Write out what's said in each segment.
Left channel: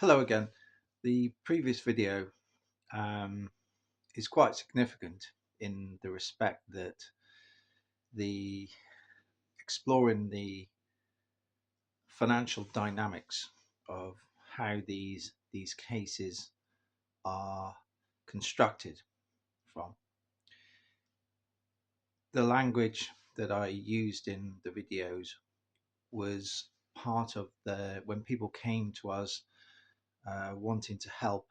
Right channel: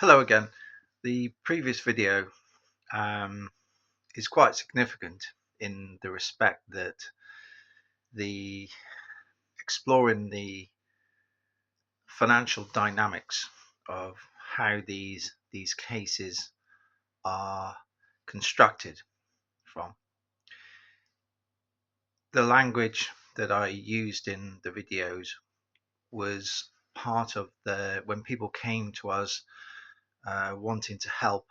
Hello again. The previous video um, is quite significant in the respect that the exploring the financial dynamics of how these cases are constructed from. The language that I used in the videos was part of the when people came to us wanting to help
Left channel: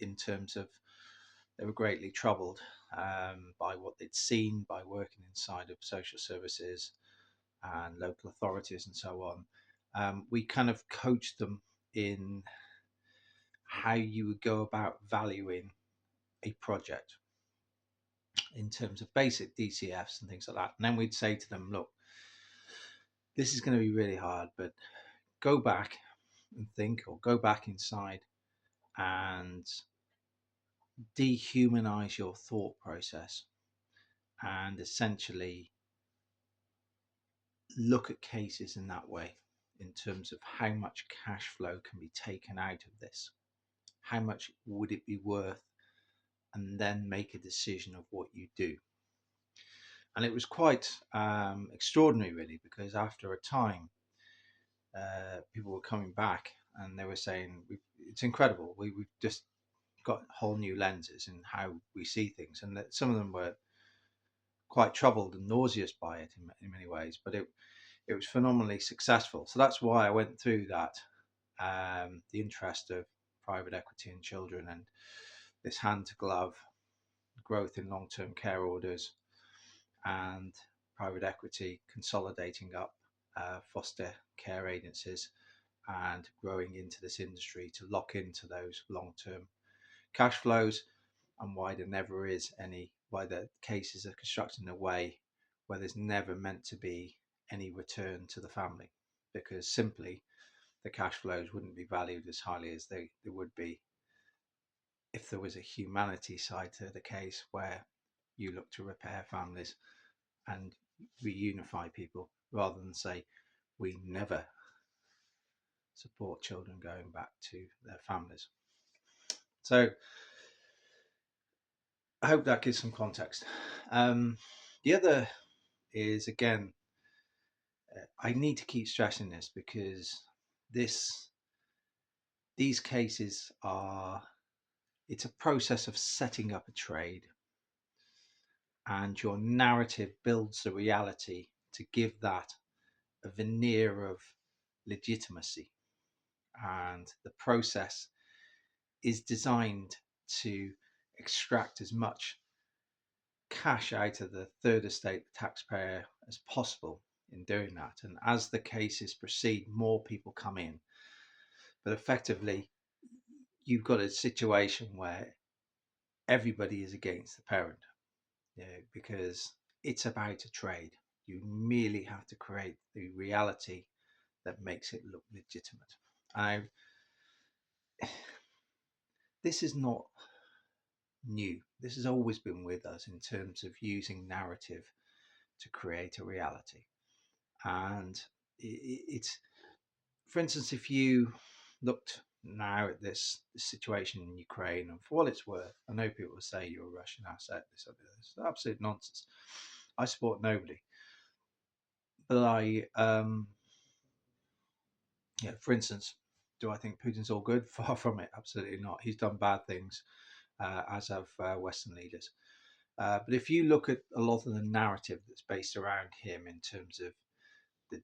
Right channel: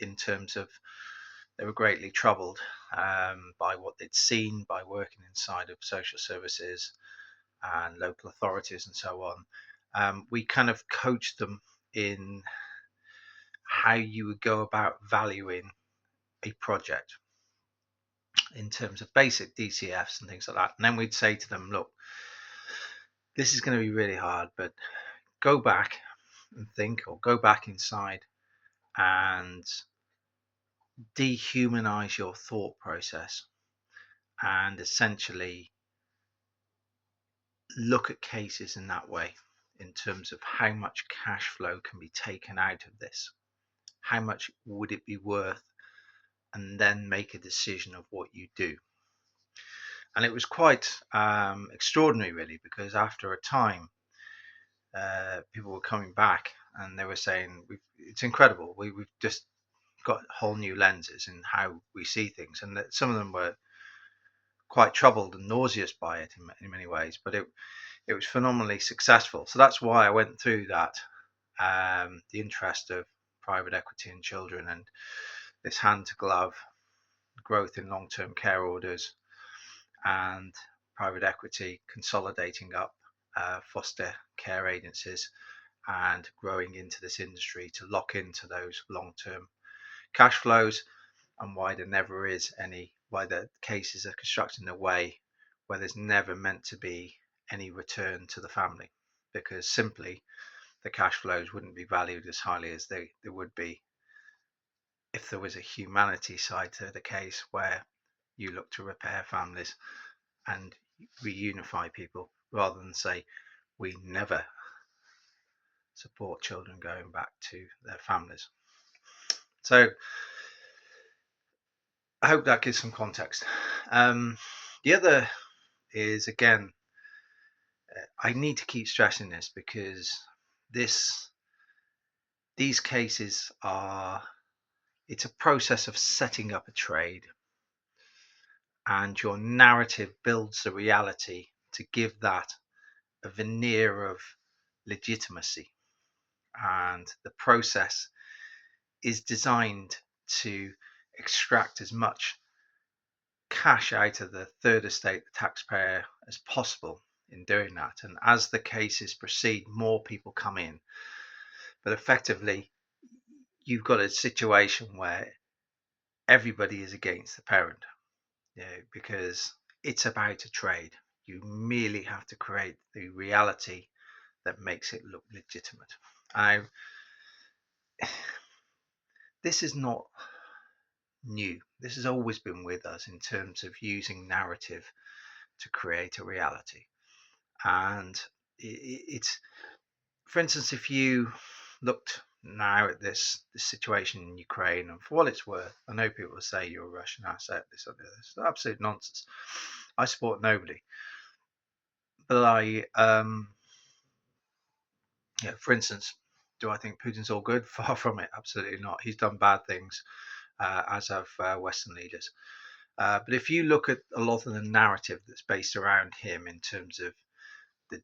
in terms of they were greatly troubled by what they'd seen by working inside of social services and local authorities and so on. We kind of coached them in how you would go about valuing a project in terms of basic DCFs and things like that. And then we'd say to them, look, this is going to be really hard, but go back and think, or go back inside and dehumanize your thought process and essentially look at cases in that way in terms of how much cash flow can be taken out of this, how much would it be worth, and then make a decision of what you do. And it was quite extraordinary, really, because after a time, people were coming back and they were saying, it's incredible, we've just got whole new lenses in how we see things. And that some of them were quite troubled and nauseous by it in many ways, but it was phenomenally successful. So that's why I went through that, the interest of private equity in children and this hand to glove growth in long-term care orders and private equity consolidating up foster care agencies and growing into this industry to lock into those long-term cash flows, and why there never is any, why the cases are constructed in a way where there's never meant to be any return to the family, because simply the cash flows wouldn't be valued as highly as they would be if there was a humanity side to the case where you look to repair families and reunify people rather than say we never support children going back to their families. So I hope that gives some context. The other is, again, I need to keep stressing this because these cases are, it's a process of setting up a trade, and your narrative builds the reality to give that a veneer of legitimacy. And the process is designed to extract as much cash out of the third estate, the taxpayer, as possible in doing that. And as the cases proceed, more people come in. But effectively, you've got a situation where everybody is against the parent, because it's about a trade. You merely have to create the reality that makes it look legitimate. This is not new. This has always been with us in terms of using narrative to create a reality. And it's, for instance, if you looked now at this situation in Ukraine, and for what it's worth, I know people will say you're a Russian asset, this or this. It's absolute nonsense. I support nobody. But for instance, do I think Putin's all good? Far from it. Absolutely not. He's done bad things, as have Western leaders. But if you look at a lot of the narrative that's based around him in terms of the,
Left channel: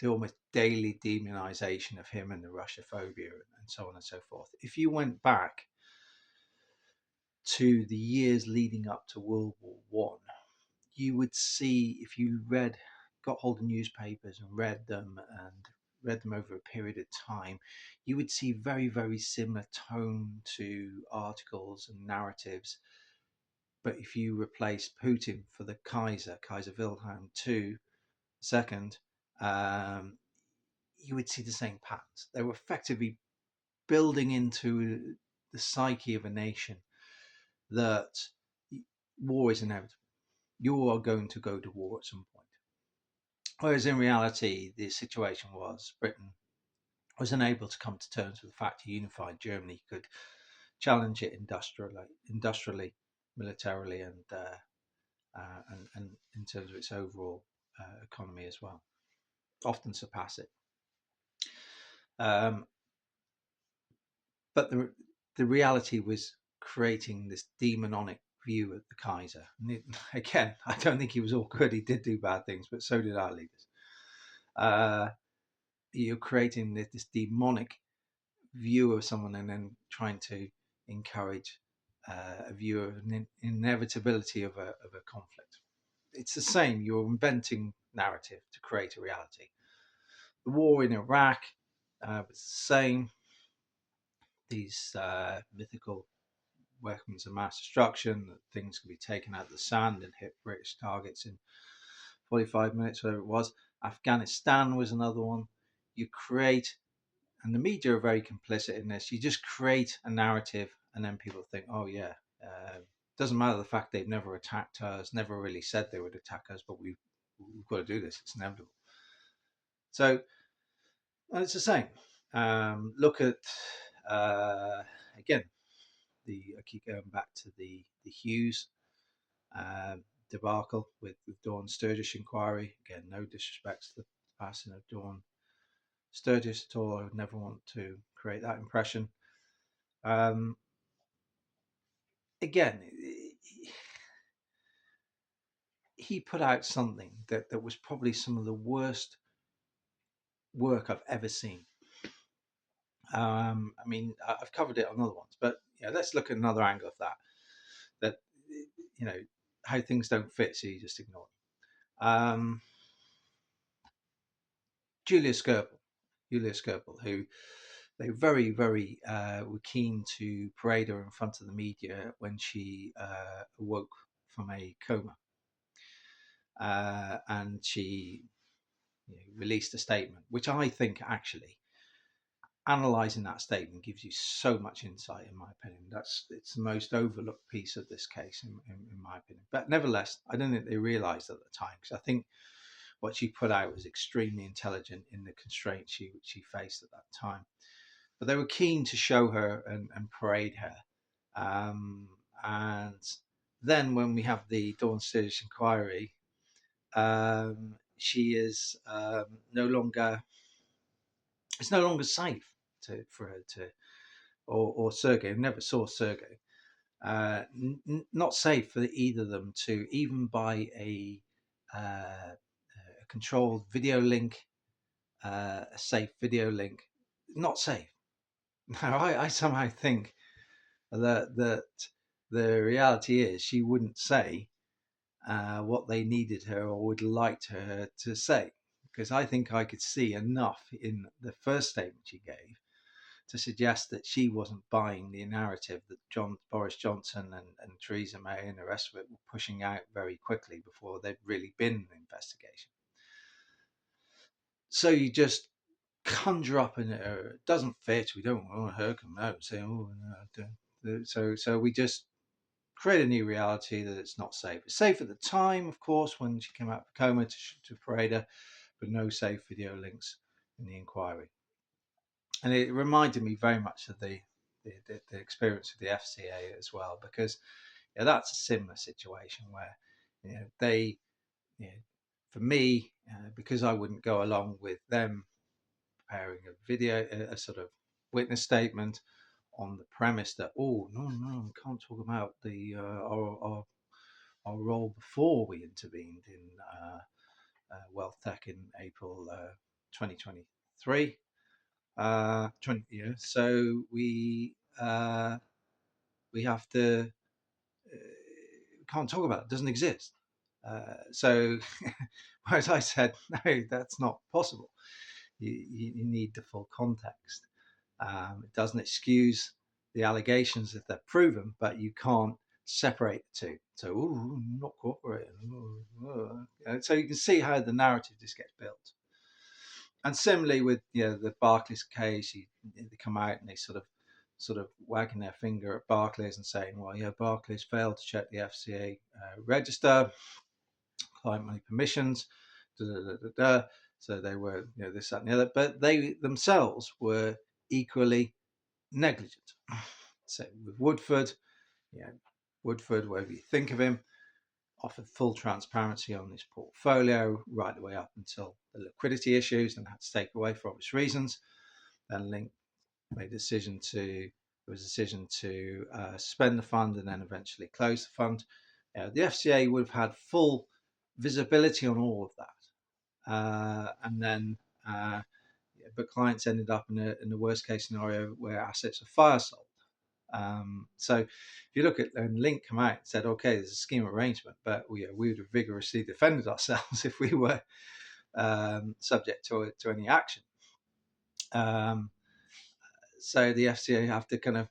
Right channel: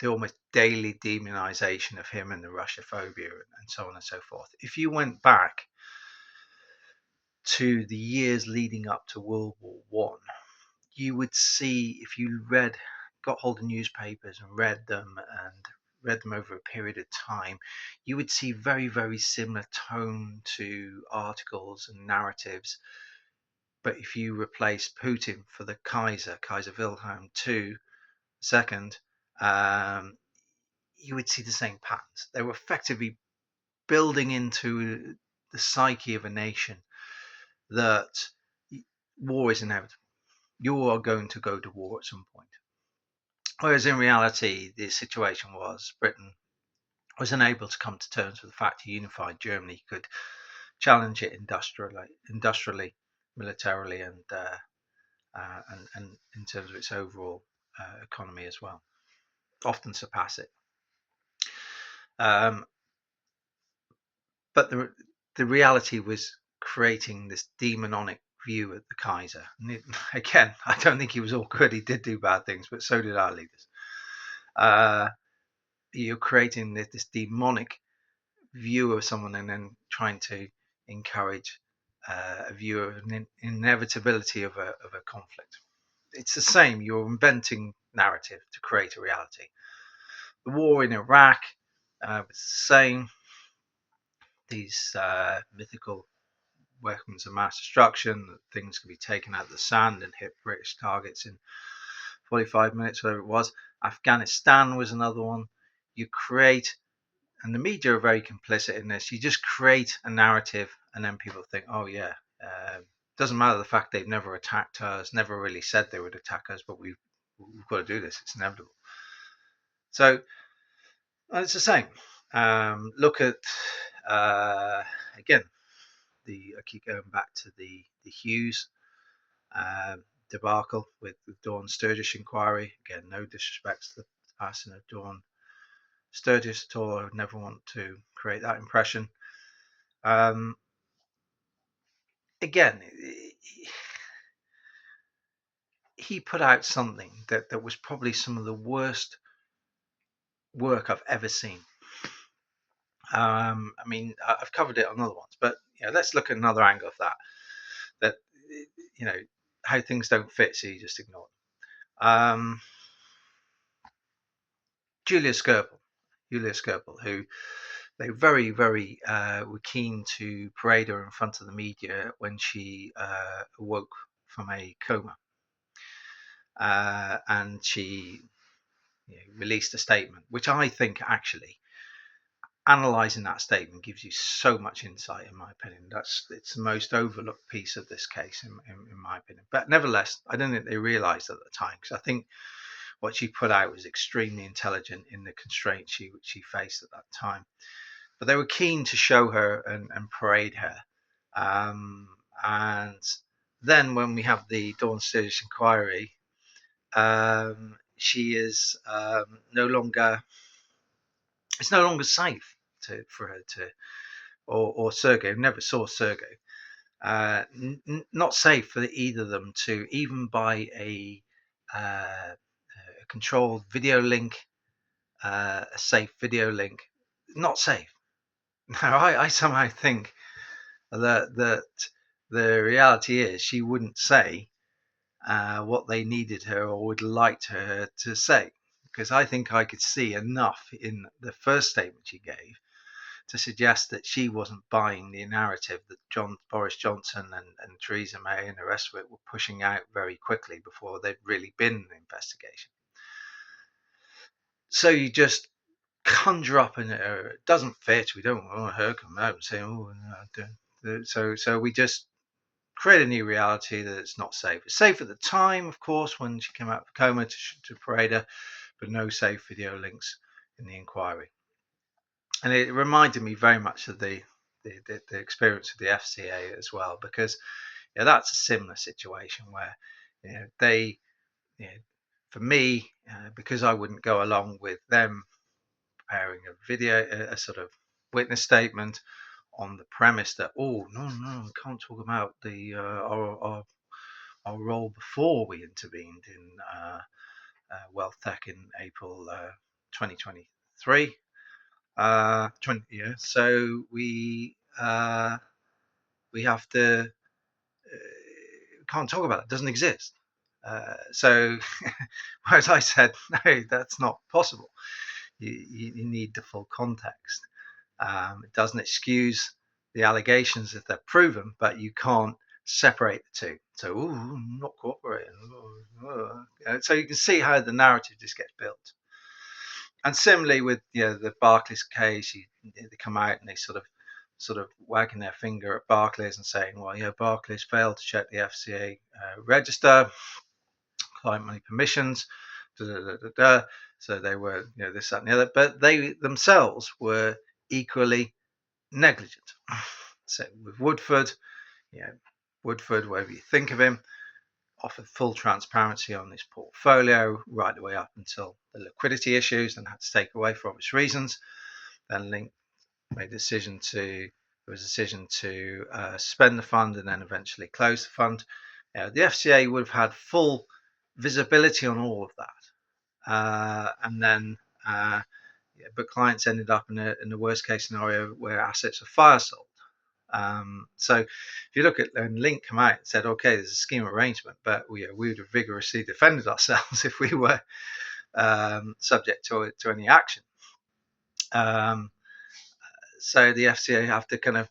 the almost daily demonization of him and the Russophobia and so on and so forth, if you went back to the years leading up to World War One, you would see, if you got hold of newspapers and read them over a period of time, you would see very, very similar tone to articles and narratives. But if you replace Putin for the Kaiser Wilhelm II, you would see the same patterns. They were effectively building into the psyche of a nation that war is inevitable. You are going to go to war at some point. Whereas in reality, the situation was Britain was unable to come to terms with the fact a unified Germany could challenge it industrially, militarily, and in terms of its overall economy as well, often surpass it. But the reality was creating this demonic view of the Kaiser. And again, I don't think he was all good. He did do bad things, but so did our leaders. You're creating this demonic view of someone and then trying to encourage a view of an inevitability of a conflict. It's the same. You're inventing narrative to create a reality. The war in Iraq was the same. These mythical weapons of mass destruction, that things could be taken out of the sand and hit British targets in 45 minutes, whatever it was. Afghanistan was another one. You create, and the media are very complicit in this, you just create a narrative and then people think, oh yeah, doesn't matter the fact they've never attacked us, never really said they would attack us, but we've got to do this, it's inevitable. So it's the same. Look at, again, I keep going back to the Hughes debacle with Dawn Sturgis inquiry. Again, no disrespect to the passing of Dawn Sturgis at all. I would never want to create that impression. Again, he put out something that was probably some of the worst work I've ever seen. I mean, I've covered it on other ones, but let's look at another angle of that. That how things don't fit, so you just ignore them. Julia Skirble, who they very, very were keen to parade her in front of the media when she awoke from a coma. And she released a statement, which I think actually, analysing that statement gives you so much insight, in my opinion. It's the most overlooked piece of this case, in my opinion. But nevertheless, I don't think they realised at the time, because I think what she put out was extremely intelligent in the constraints she faced at that time. But they were keen to show her and parade her. And then when we have the Dawn Sturgis inquiry, she is no longer. It's no longer safe for her to, or Sergei. Never saw Sergei. Not safe for either of them to even buy a controlled video link, a safe video link. Not safe. Now, I somehow think that the reality is she wouldn't say what they needed her or would like her to say, because I think I could see enough in the first statement she gave to suggest that she wasn't buying the narrative that Boris Johnson and Theresa May and the rest of it were pushing out very quickly before there'd really been an investigation. So you just conjure up, and it doesn't fit. We don't want her coming out and saying, "Oh, no." So we just create a new reality that it's not safe. It's safe at the time, of course, when she came out of coma to parade her, but no safe video links in the inquiry. And it reminded me very much of the experience of the FCA as well, because that's a similar situation where they, for me, because I wouldn't go along with them preparing a video, a sort of witness statement on the premise that, oh no, we can't talk about the our role before we intervened in WealthTech in April 2023. So we have to can't talk about it. It doesn't exist. So whereas I said, no, that's not possible. You need the full context. It doesn't excuse the allegations if they're proven, but you can't separate the two. So, not cooperating. So you can see how the narrative just gets built. And similarly with the Barclays case, they come out and they sort of wagging their finger at Barclays and saying, well, Barclays failed to check the FCA register, client money permissions, So they were, this, that, and the other, but they themselves were equally negligent. So with Woodford, Woodford, whatever you think of him, offered full transparency on his portfolio right the way up until the liquidity issues and had to take away for obvious reasons. Then Link made a decision to suspend the fund and then eventually close the fund. The FCA would have had full visibility on all of that, and then but clients ended up in the worst case scenario where assets are fire sold. So if you look at when Link come out and said, okay, there's a scheme of arrangement, but we would have vigorously defended ourselves if we were subject to any action. So the FCA have to kind of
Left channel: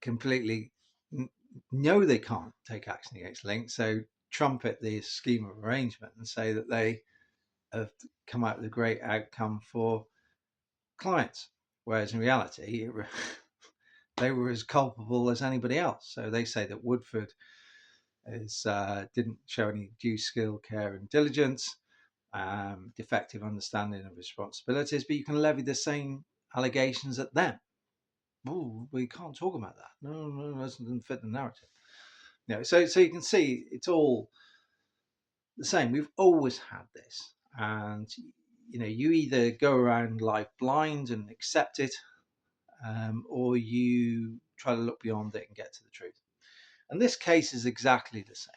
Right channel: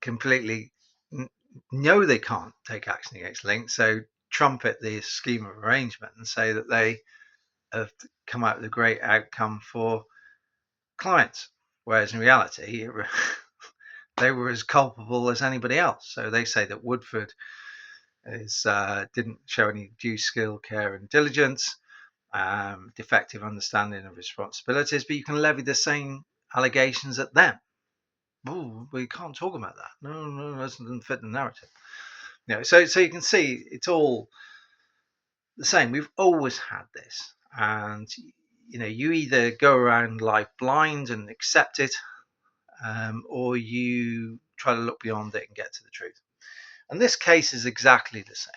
completely know they can't take action against Link, so trumpet the scheme of arrangement and say that they have come out with a great outcome for clients, whereas in reality they were as culpable as anybody else. So they say that Woodford didn't show any due skill, care and diligence, defective understanding of responsibilities, but you can levy the same allegations at them. Oh, we can't talk about that. No, that doesn't fit the narrative. So you can see it's all the same. We've always had this, and you either go around life blind and accept it, or you try to look beyond it and get to the truth. And this case is exactly the same.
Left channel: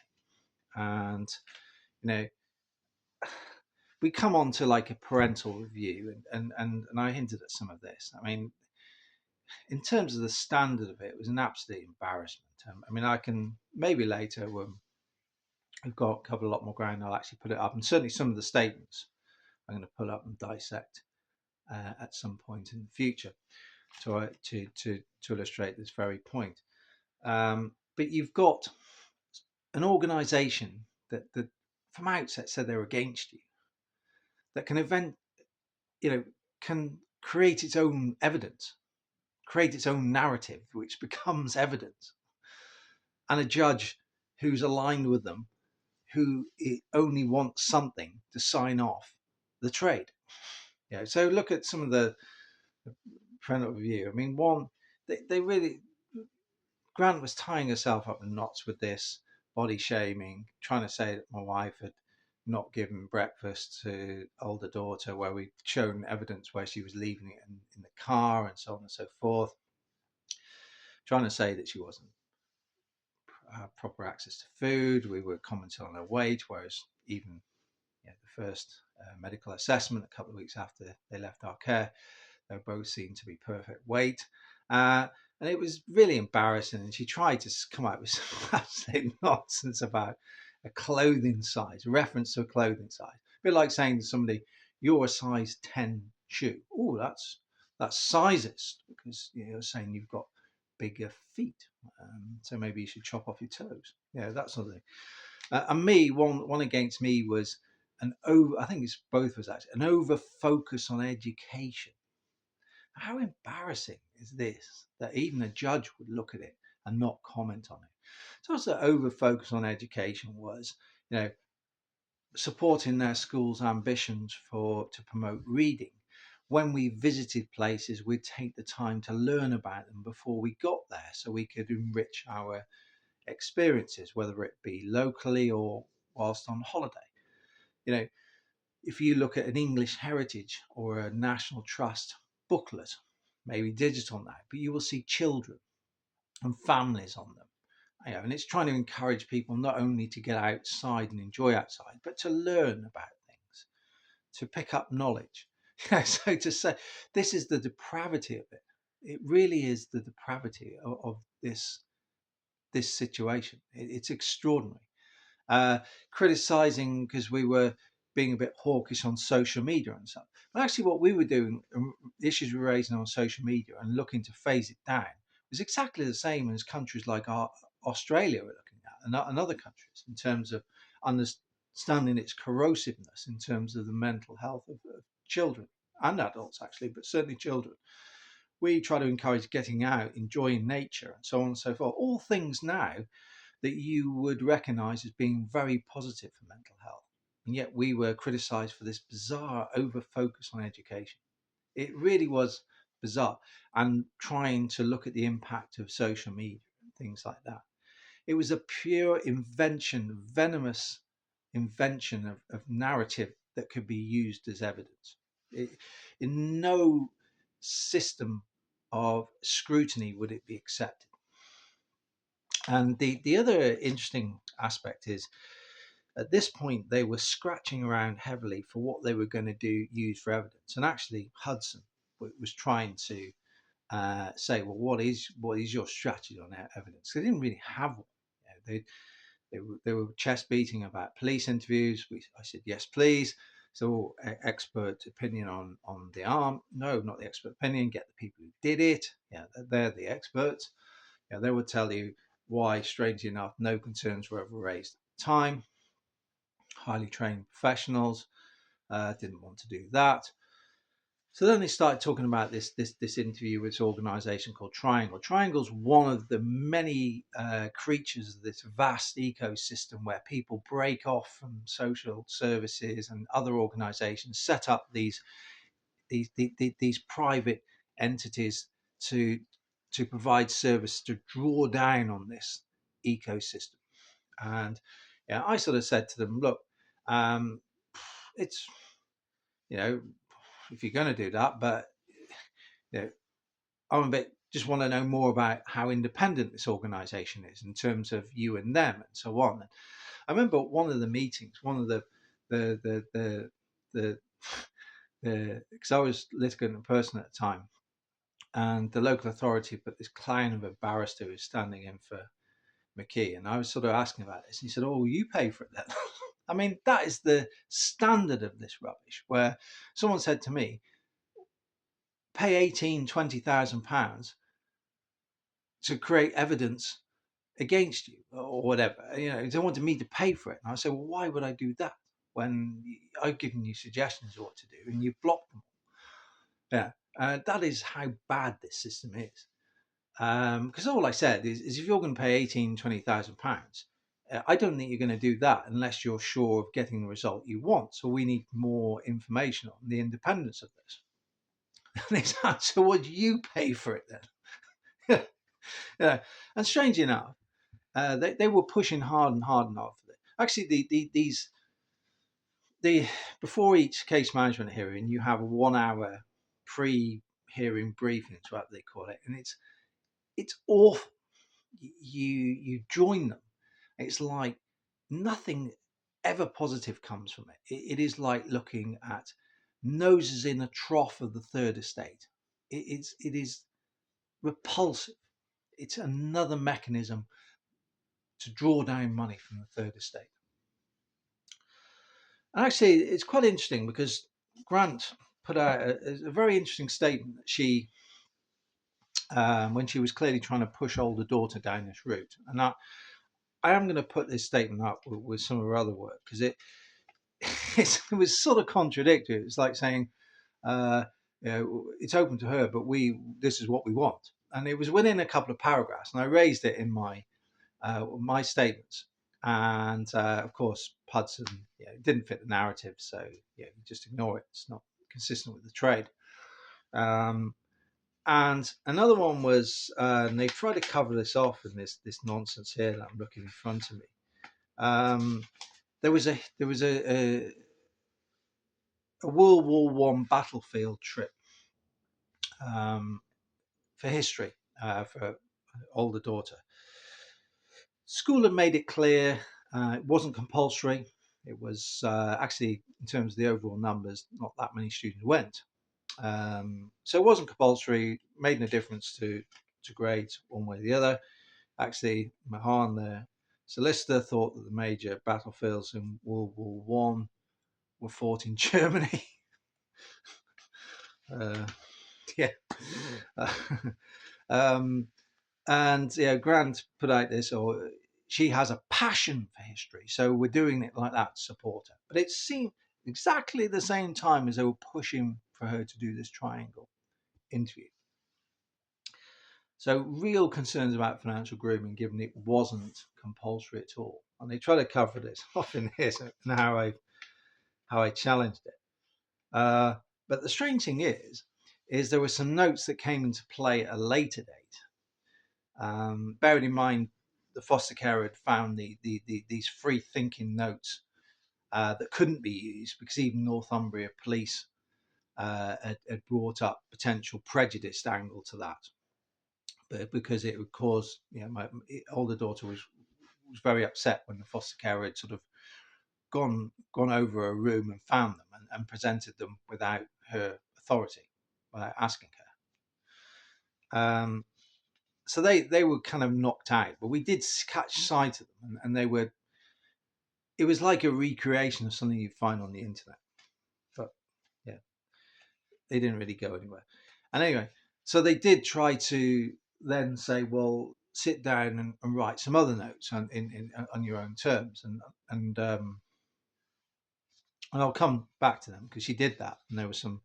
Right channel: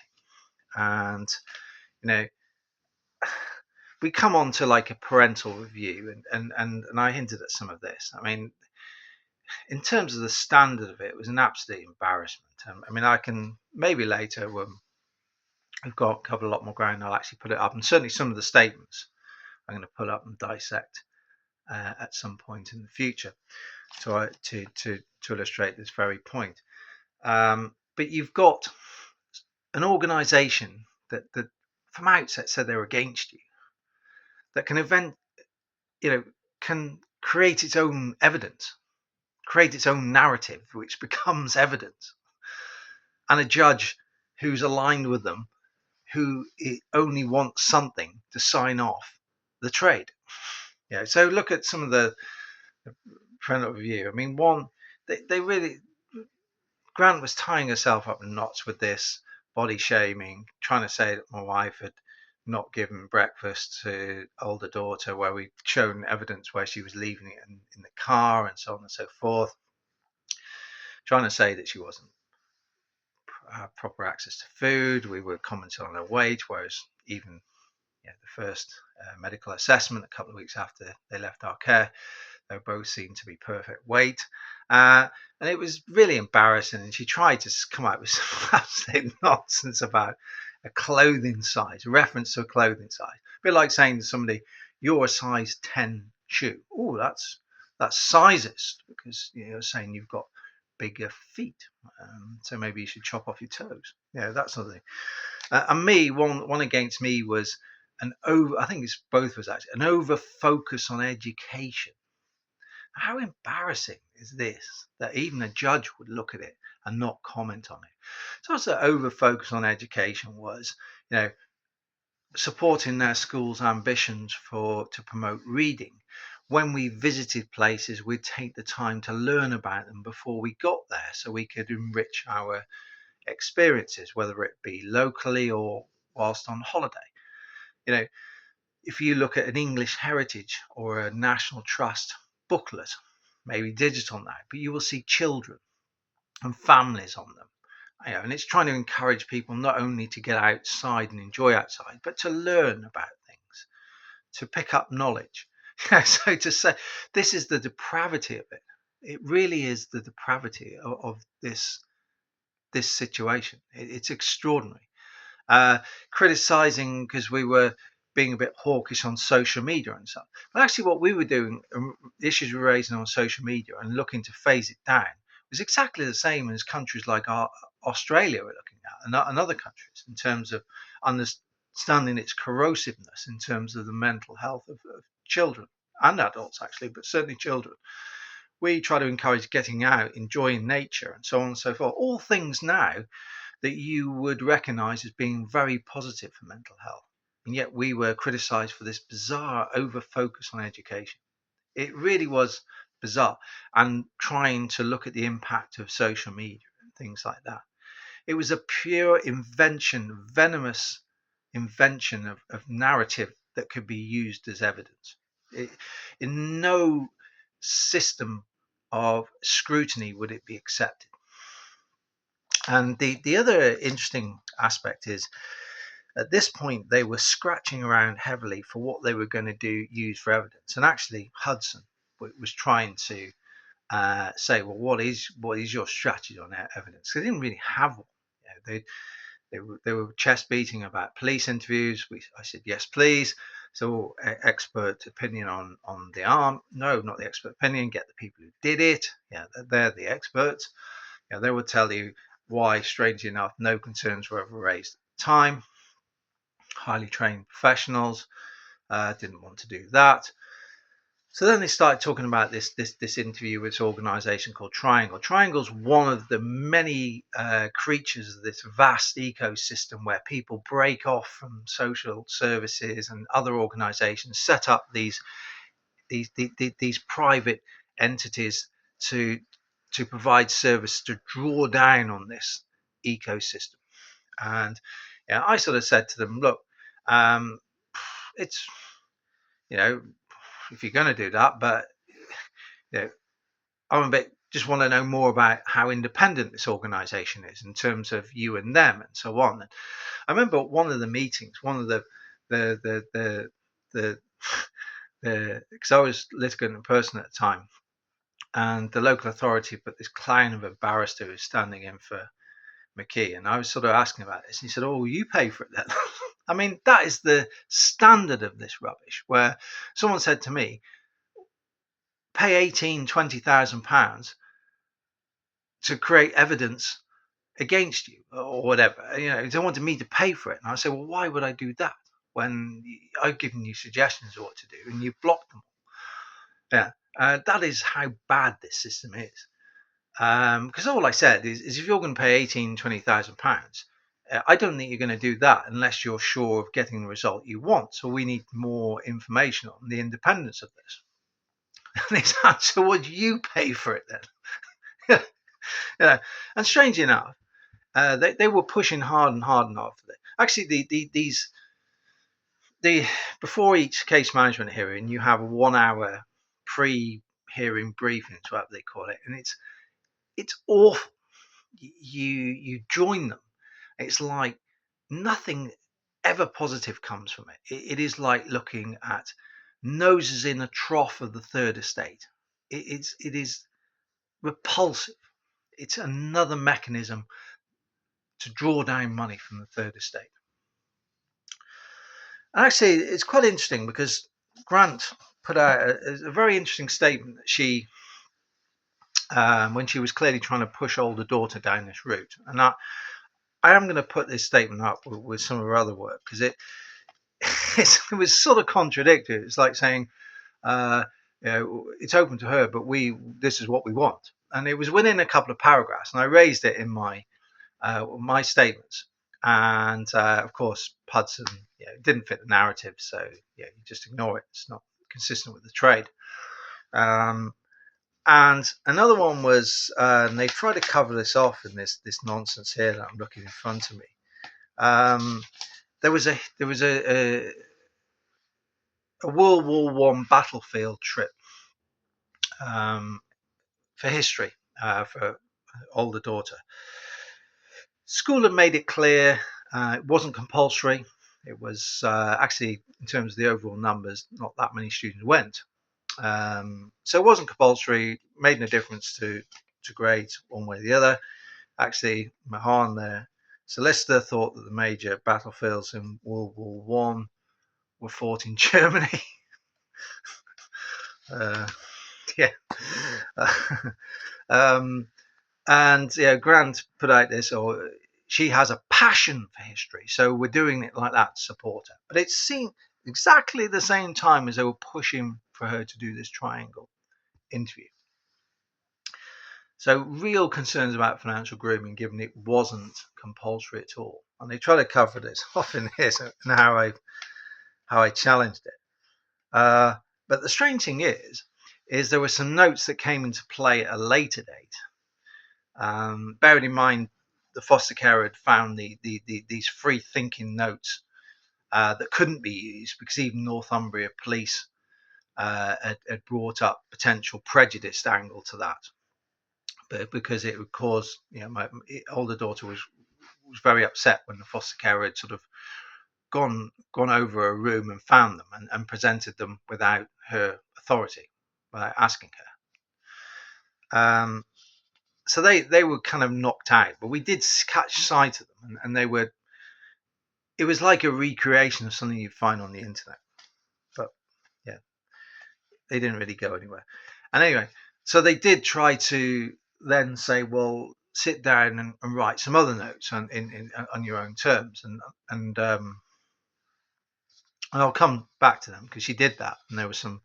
And we come on to like a parental review, and I hinted at some of this. I mean, in terms of the standard of it, it was an absolute embarrassment. I mean, I can maybe later when we've got covered a lot more ground, I'll actually put it up, and certainly some of the statements I'm going to pull up and dissect at some point in the future to illustrate this very point. But you've got an organisation that from outset said they're against you, that can create its own evidence, create its own narrative, which becomes evidence, and a judge who's aligned with them, who only wants something to sign off the trade. So look at some of the parental review. I mean, one, they really, Grant was tying herself up in knots with this body shaming, trying to say that my wife had not given breakfast to older daughter, where we'd shown evidence where she was leaving it in the car and so on and so forth, trying to say that she wasn't proper access to food. We were commenting on her weight, whereas even the first medical assessment a couple of weeks after they left our care, they both seemed to be perfect weight. And it was really embarrassing. And she tried to come out with some absolute nonsense about a clothing size, a reference to a clothing size. A bit like saying to somebody, you're a size 10 shoe. Oh, that's sizist, because you're saying you've got bigger feet. So maybe you should chop off your toes. That sort of thing. And me, one against me was I think it's both was actually an over focus on education. How embarrassing is this that even a judge would look at it and not comment on it? So also over focus on education was, supporting their school's ambitions to promote reading. When we visited places, we'd take the time to learn about them before we got there, so we could enrich our experiences, whether it be locally or whilst on holiday. If you look at an English heritage or a National Trust booklet, maybe digital now, but you will see children and families on them. And it's trying to encourage people not only to get outside and enjoy outside, but to learn about things, to pick up knowledge. So to say this is the depravity of it, it really is the depravity of this situation. It's extraordinary. Criticizing because we were being a bit hawkish on social media and stuff. But actually what we were doing, the issues we were raising on social media and looking to phase it down, was exactly the same as countries like Australia were looking at, and other countries, in terms of understanding its corrosiveness in terms of the mental health of children and adults, actually, but certainly children. We try to encourage getting out, enjoying nature, and so on and so forth. All things now that you would recognize as being very positive for mental health. And yet we were criticised for this bizarre over focus on education. It really was bizarre. And trying to look at the impact of social media and things like that. It was a pure invention, venomous invention of narrative that could be used as evidence. In no system of scrutiny would it be accepted. And the other interesting aspect is, at this point, they were scratching around heavily for what they were going to use for evidence. And actually, Hudson was trying to say, well, what is your strategy on evidence? They didn't really have one. You know, they were chest beating about police interviews. I said, yes, please. So expert opinion on the arm. No, not the expert opinion. Get the people who did it. Yeah, they're the experts. Yeah, they will tell you why, strangely enough, no concerns were ever raised at the time. Highly trained professionals didn't want to do that. So then they started talking about this interview with this organization called Triangle. Triangle's one of the many creatures of this vast ecosystem where people break off from social services and other organizations, set up these private entities to provide service, to draw down on this ecosystem. And yeah, I sort of said to them, look, it's, you know, if you're going to do that, but you know, I'm a bit just want to know more about how independent this organization is in terms of you and them and so on. And I remember one of the meetings, one of the because I was litigant in person at the time, and the local authority put this clown of a barrister who was standing in for McKee, and I was sort of asking about this, and he said, "Oh, you pay for it then." I mean, that is the standard of this rubbish, where someone said to me, pay 18,000-20,000 pounds to create evidence against you or whatever. You know, they wanted me to pay for it. And I said, well, why would I do that when I've given you suggestions of what to do and you've blocked them? Yeah, that is how bad this system is. Because all I said is if you're going to pay 18,000-20,000 pounds, I don't think you're going to do that unless you're sure of getting the result you want. So we need more information on the independence of this. And his answer was, you pay for it then. Yeah. And strange enough, they were pushing hard and hard and hard for it. Actually, before each case management hearing, you have a 1 hour pre-hearing briefing, is what they call it, and it's awful. You join them. It's like nothing ever positive comes from it. It is like looking at noses in a trough of the third estate. It is repulsive. It's another mechanism to draw down money from the third estate. And actually, it's quite interesting because Grant put out a very interesting statement that she, when she was clearly trying to push older daughter down this route. And I am going to put this statement up with some of her other work because it was sort of contradictory. It's like saying, you know, it's open to her, but this is what we want. And it was within a couple of paragraphs, and I raised it in my statements. And of course, Hudson didn't fit the narrative, so you just ignore it. It's not consistent with the trade. And another one was, and they try to cover this off in this nonsense here that I'm looking in front of me. There was a World War One battlefield trip for history for older daughter. School had made it clear it wasn't compulsory. It was actually, in terms of the overall numbers, not that many students went. So it wasn't compulsory, made no difference to grades one way or the other. Actually, Mahan, the solicitor, thought that the major battlefields in World War One were fought in Germany. Yeah. And Grant put out this, or she has a passion for history, so we're doing it like that to support her. But it seemed exactly the same time as they were pushing for her to do this Triangle interview. So real concerns about financial grooming, given it wasn't compulsory at all. And they try to cover this off in this and how I how I challenged it. But the strange thing is there were some notes that came into play at a later date. Bearing in mind, the foster care had found these free thinking notes that couldn't be used because even Northumbria police had brought up potential prejudiced angle to that, but because it would cause, my older daughter was very upset when the foster carer had sort of gone over a room and found them and presented them without her authority, without asking her. So they were kind of knocked out, but we did catch sight of them, and it was like a recreation of something you'd find on the internet. But yeah, they didn't really go anywhere. And anyway, so they did try to then say, well, sit down and write some other notes on your own terms, and I'll come back to them because she did that, and there were some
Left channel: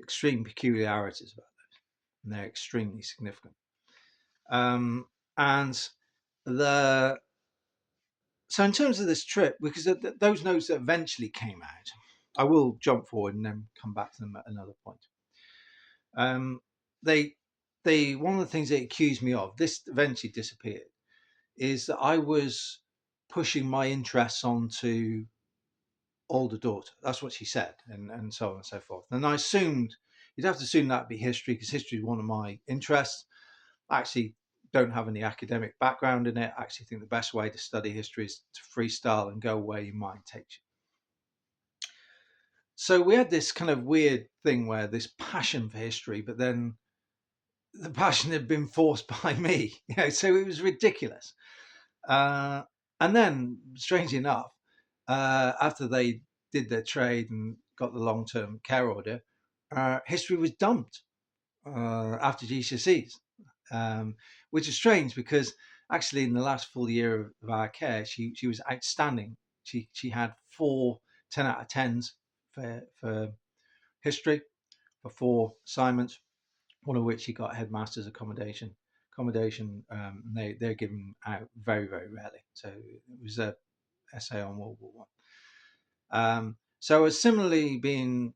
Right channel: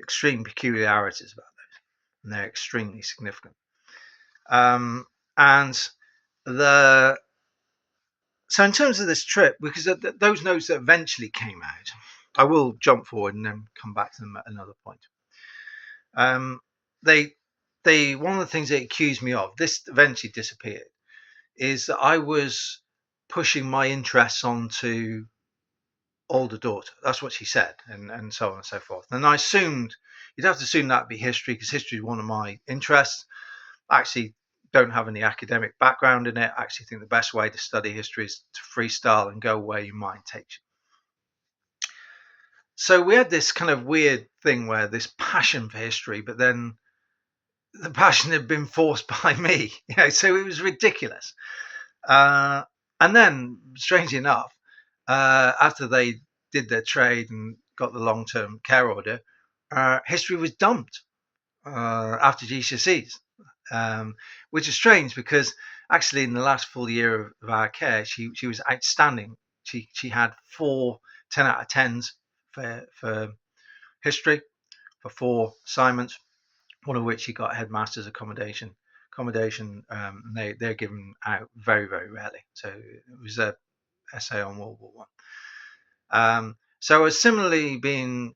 extreme peculiarities about those, and they're extremely significant. And so in terms of this trip, because those notes that eventually came out, I will jump forward and then come back to them at another point. They one of the things they accused me of, this eventually disappeared, is that I was pushing my interests onto older daughter. That's what she said, and so on and so forth. And I assumed you'd have to assume that'd be history, because history is one of my interests. I actually don't have any academic background in it. I actually think the best way to study history is to freestyle and go where your mind takes you. So we had this kind of weird thing where this passion for history, but then the passion had been forced by me, so it was ridiculous. And then, strangely enough, after they did their trade and got the long-term care order, history was dumped after GCSEs, which is strange because actually in the last full year of our care, she was outstanding. She had 4 10 out of 10s for history, for 4 assignments, one of which she got headmaster's accommodation. They're given out very, very rarely. So it was a essay on World War One. So I was similarly being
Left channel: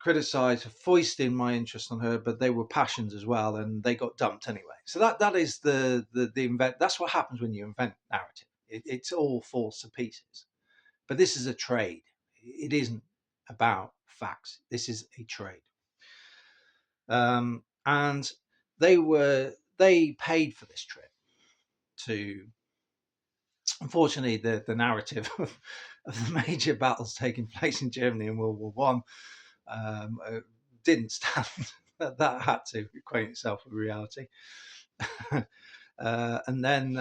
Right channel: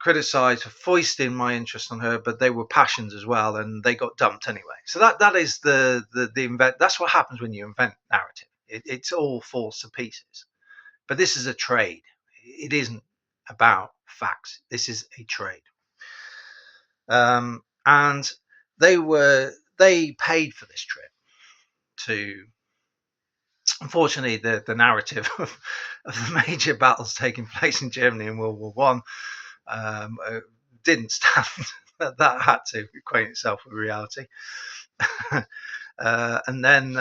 criticised for foisting my interest on her, but they were passions as well, and they got dumped anyway. So that is the invent. That's what happens when you invent narrative. It's all falls to pieces. But this is a trade. It isn't about facts. This is a trade. And they paid for this trip to. Unfortunately, the narrative of the major battles taking place in Germany in World War One didn't stand. That had to equate itself with reality. And then,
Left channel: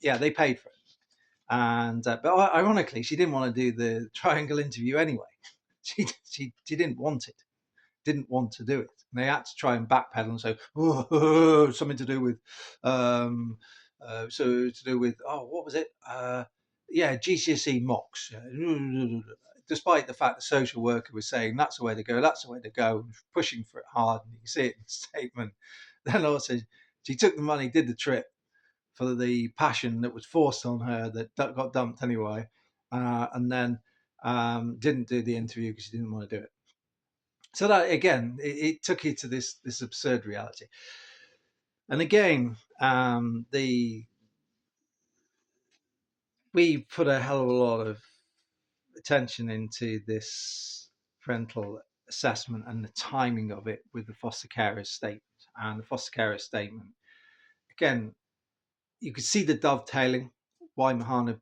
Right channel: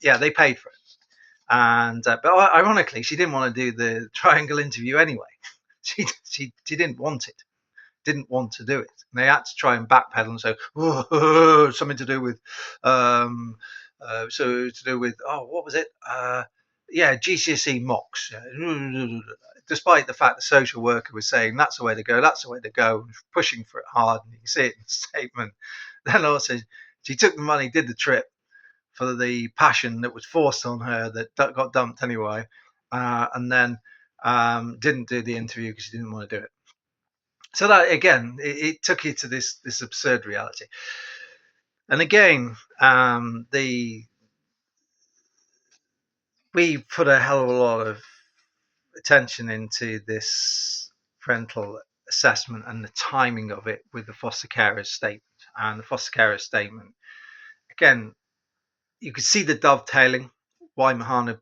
they paid for it. And but ironically, she didn't want to do the triangle interview anyway. She didn't want it. Didn't want to do it. And they had to try and backpedal and say, something to do with, what was it? GCSE mocks. Despite the fact the social worker was saying that's the way to go, pushing for it hard, and you can see it in the statement. Then also, she took the money, did the trip for the passion that was forced on her that got dumped anyway, and then didn't do the interview because she didn't want to do it. So that again, it took you to this absurd reality. And again, we put a hell of a lot of attention into this parental assessment and the timing of it with the foster carer's statement. And the foster carer's statement, again, you could see the dovetailing. Why Mahan had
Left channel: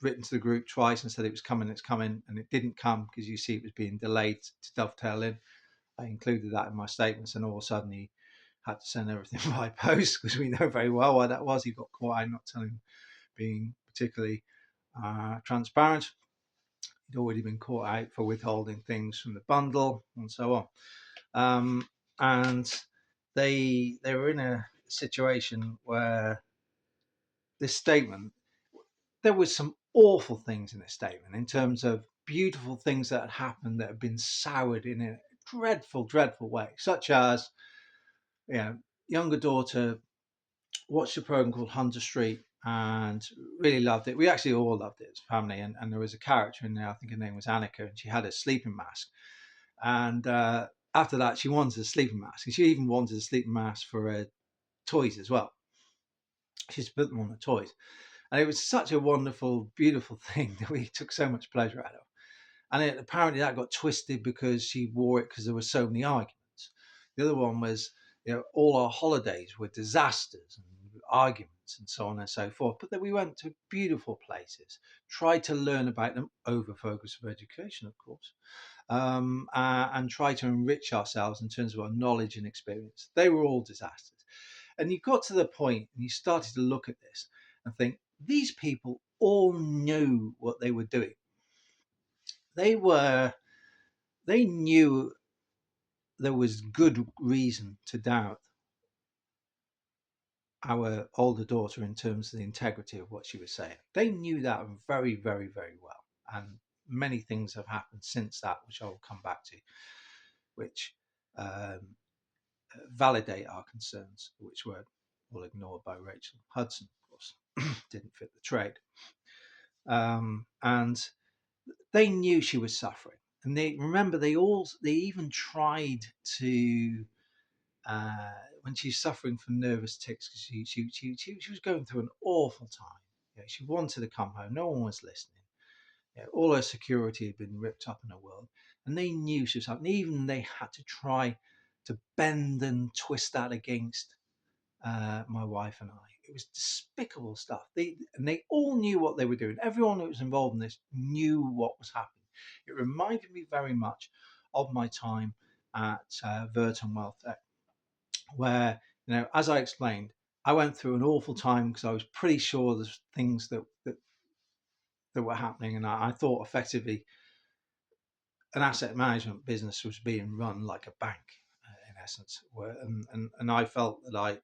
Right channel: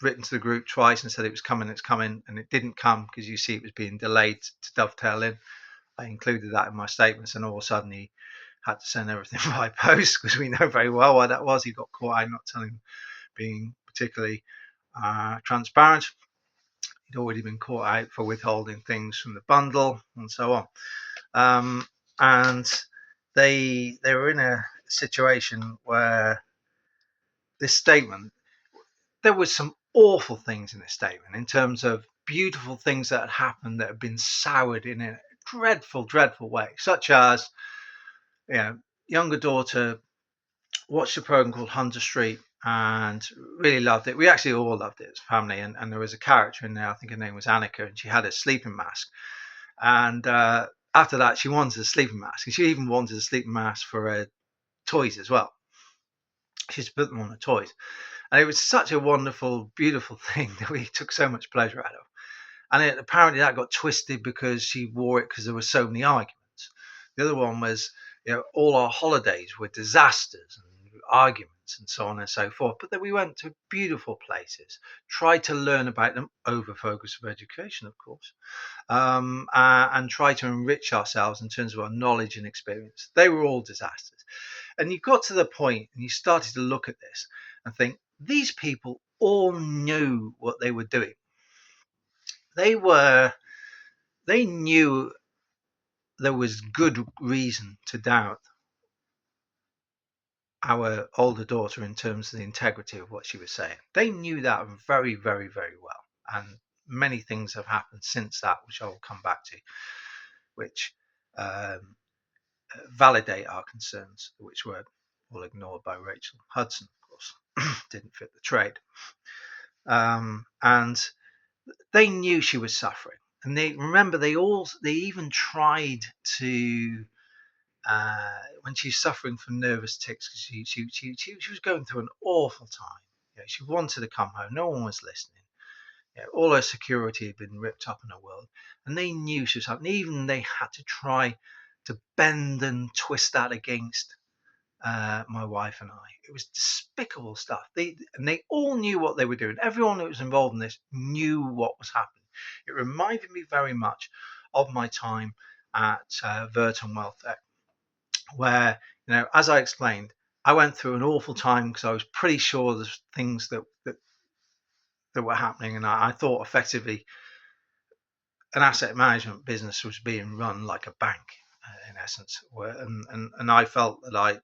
written to the group twice and said it was coming, it's coming, and it didn't come because you see it was being delayed to dovetail in. I included that in my statements, and all of a sudden he had to send everything by post because we know very well why that was. He got caught out not telling, being particularly transparent. He'd already been caught out for withholding things from the bundle and so on. And they were in a situation where this statement, there was some awful things in this statement in terms of beautiful things that had happened that had been soured in a dreadful, dreadful way, such as, younger daughter watched a program called Hunter Street and really loved it. We actually all loved it as a family. And there was a character in there, I think her name was Annika, and she had a sleeping mask. And after that, she wanted a sleeping mask, and she even wanted a sleeping mask for her toys as well. She used to put them on the toys. And it was such a wonderful, beautiful thing that we took so much pleasure out of. And apparently that got twisted because she wore it because there were so many arguments. The other one was, all our holidays were disasters and arguments and so on and so forth. But then we went to beautiful places, tried to learn about them, over focus of education, of course, and try to enrich ourselves in terms of our knowledge and experience. They were all disasters. And you got to the point and you started to look at this and think, these people all knew what they were doing. They knew there was good reason to doubt our older daughter in terms of the integrity of what she was saying. They knew that very, very, very well. And many things have happened since that, which I will come back to, which um, validate our concerns, which were all ignored by Rachel Hudson, of course. Didn't fit the trade. And they knew she was suffering. And they even tried to, when she's suffering from nervous tics, because she was going through an awful time. She wanted to come home. No one was listening. All her security had been ripped up in her world, and they knew she was suffering. Even they had to try to bend and twist that against my wife and I. It was despicable stuff. They all knew what they were doing. Everyone that was involved in this knew what was happening. It reminded me very much of my time at Verton Wealth Tech, where, as I explained, I went through an awful time because I was pretty sure there's things that were happening, and I thought effectively an asset management business was being run like a bank, in essence. And I felt that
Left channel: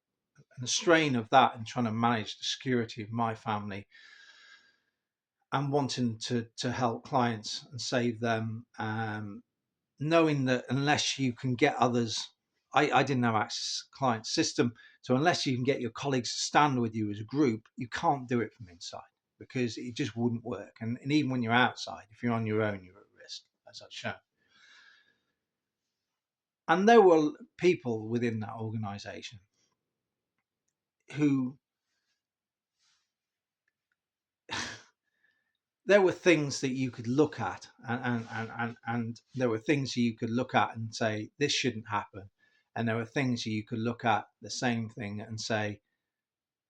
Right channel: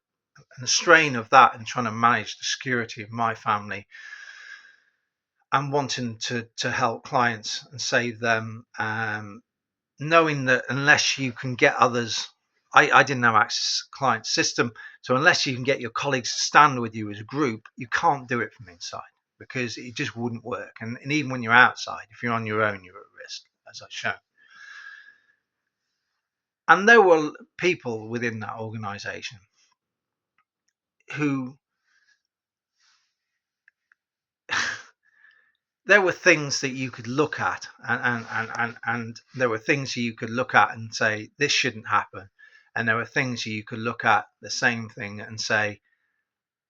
and the strain of that and trying to manage the security of my family and wanting to help clients and save them, knowing that unless you can get others, I didn't have access to the client system, so unless you can get your colleagues to stand with you as a group, you can't do it from inside because it just wouldn't work. And even when you're outside, if you're on your own, you're at risk, as I've shown. And there were people within that organization who there were things that you could look at, and there were things you could look at and say this shouldn't happen, and there were things you could look at the same thing and say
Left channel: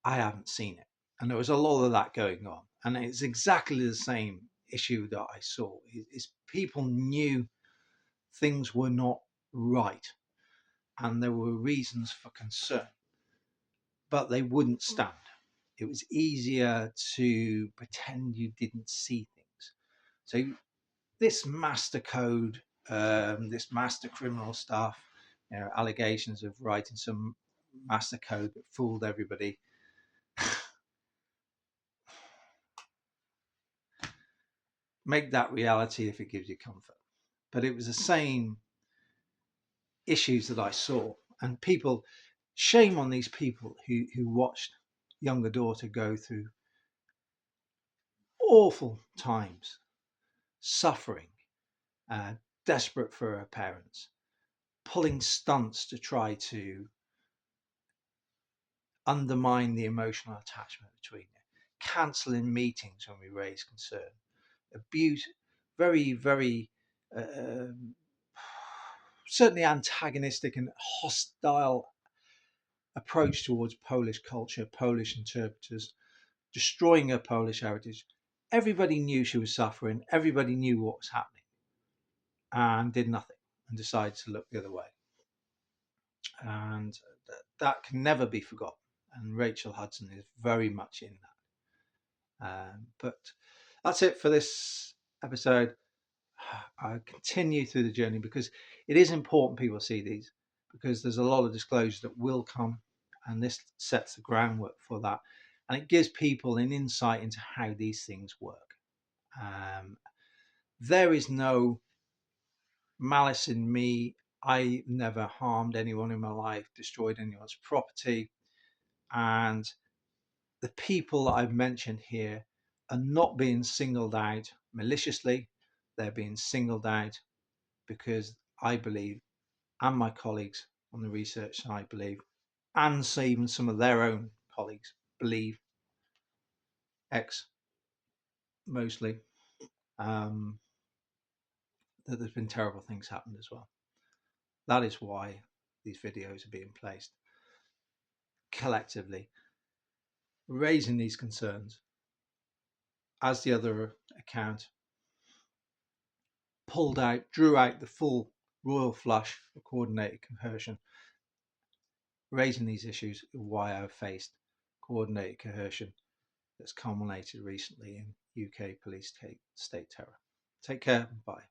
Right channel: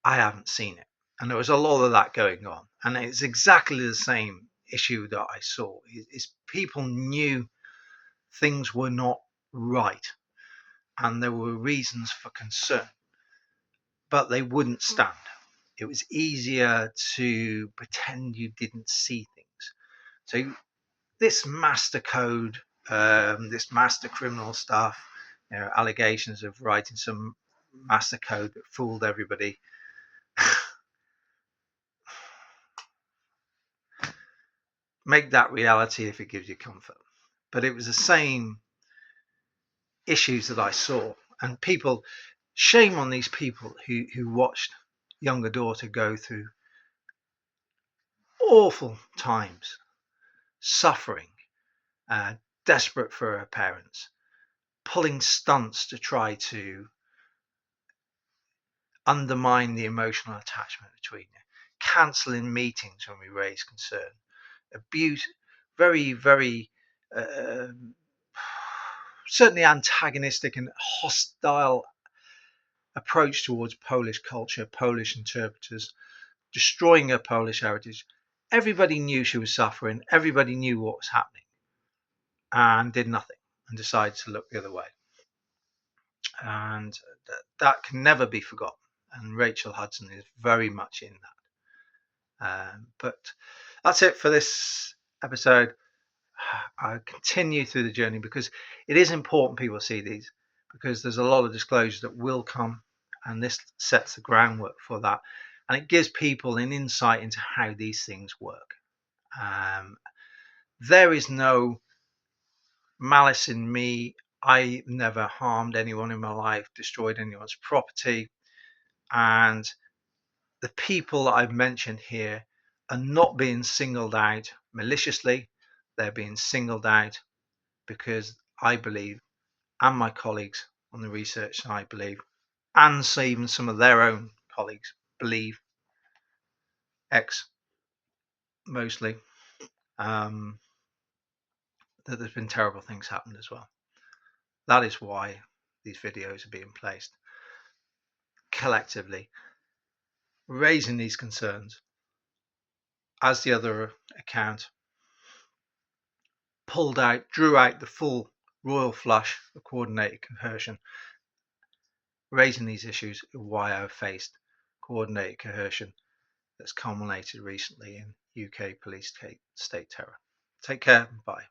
I haven't seen it. And there was a lot of that going on, and it's exactly the same issue that I saw. Is people knew things were not right and there were reasons for concern, but they wouldn't stand. It was easier to pretend you didn't see things. So this master code, this master criminal stuff, allegations of writing some master code that fooled everybody. Make that reality if it gives you comfort. But it was the same issues that I saw, and people, shame on these people who watched younger daughter go through awful times, suffering, desperate for her parents, pulling stunts to try to undermine the emotional attachment between you, cancelling meetings when we raise concern, abuse, very, very certainly antagonistic and hostile approach towards Polish culture, Polish interpreters, destroying her Polish heritage. Everybody knew she was suffering. Everybody knew what was happening and did nothing and decided to look the other way. And that can never be forgotten. And Rachel Hudson is very much in that. But that's it for this episode. I continue through the journey because it is important people see these, because there's a lot of disclosures that will come, and this sets the groundwork for that, and it gives people an insight into how these things work. There is no malice in me. I never harmed anyone in my life, destroyed anyone's property, and the people I've mentioned here are not being singled out maliciously. They're being singled out because I believe, and my colleagues on the research side believe, and so even some of their own colleagues believe, mostly, that there's been terrible things happened as well. That is why these videos are being placed collectively, raising these concerns. As the other account drew out the full royal flush of coordinated coercion, raising these issues of why I've faced coordinated coercion that's culminated recently in UK police state terror. Take care. Bye.